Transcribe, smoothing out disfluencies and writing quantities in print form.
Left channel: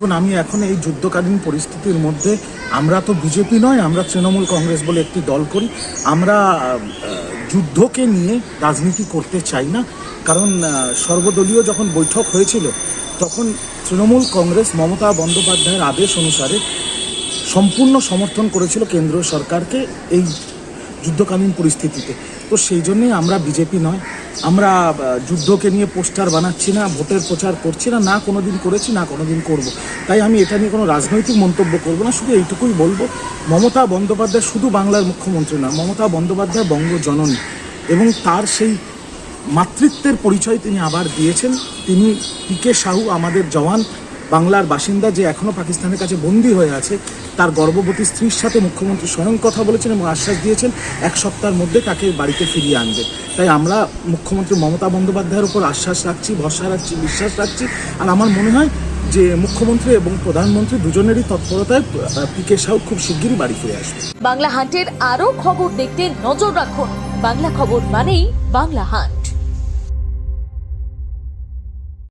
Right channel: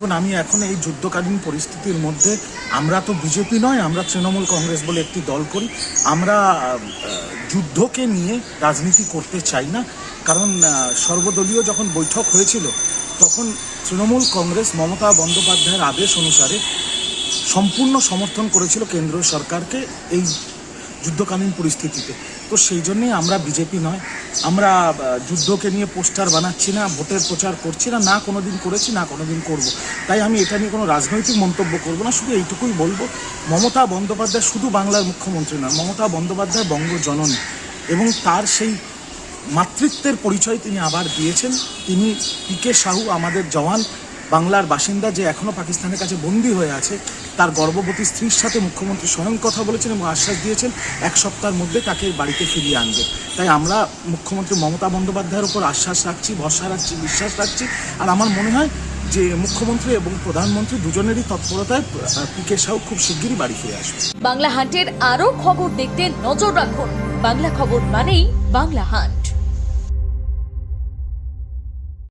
আমি এখন এই যুদ্ধকালীন পরিস্থিতির মধ্যে আমরা তো বিজেপি নয়, আমরা তৃণমূল কংগ্রেস বলে একটি দল করি। আমরা যুদ্ধকে নিয়ে রাজনীতি করতে চাই না, কারণ সর্বদলীয় যখন বৈঠক হয়েছিল তখন তৃণমূল কংগ্রেস মমতা বন্দ্যোপাধ্যায়ের আদেশ অনুসারে সম্পূর্ণ সমর্থন করেছিল কেন্দ্র সরকারকে এই যুদ্ধকালীন পরিস্থিতিতে। তো সেই জন্যেই আমরা বিজেপি নয়, আমরা যুদ্ধকে নিয়ে পোস্টার বানাচ্ছি না, ভোটের প্রচার করছি না, না কোনোদিন করেছি না কোনোদিন করব। তাই আমি এটা নিয়ে কোনো রাজনৈতিক মন্তব্য করবো না, শুধু এইটুকুই বলবো, মমতা বন্দ্যোপাধ্যায় শুধু বাংলার মুখ্যমন্ত্রী নয়, মমতা বন্দ্যোপাধ্যায় বঙ্গজননী, এবং তার সেই মাতৃত্বের পরিচয় তিনি আবার দিয়েছেন। তিনি পিকে সাহু, আমাদের জওয়ান, বাংলার বাসিন্দা, যে এখনও পাকিস্তানের কাছে বন্দী হয়ে আছে, তার গর্ভবতী স্ত্রীর সাথে মুখ্যমন্ত্রী স্বয়ং কথা বলেছেন এবং আশ্বাস দিয়েছেন 1 সপ্তাহের মধ্যে তাকে বাড়িতে ফিরিয়ে আনবে। তাই আমরা মুখ্যমন্ত্রী মমতা বন্দ্যোপাধ্যায়ের উপর আশ্বাস রাখছি, ভরসা রাখছি, বিশ্বাস রাখছি। আর আমার মনে হয় যে মুখ্যমন্ত্রী এবং প্রধানমন্ত্রী দুজনেরই তৎপরতায় পিকে সাহু খুব শিগগিরই বাড়ি ফিরে আসবে। বাংলা হান্টের আরও খবর দেখতে নজর রাখুন। বাংলা খবর মানেই বাংলা হান্ট।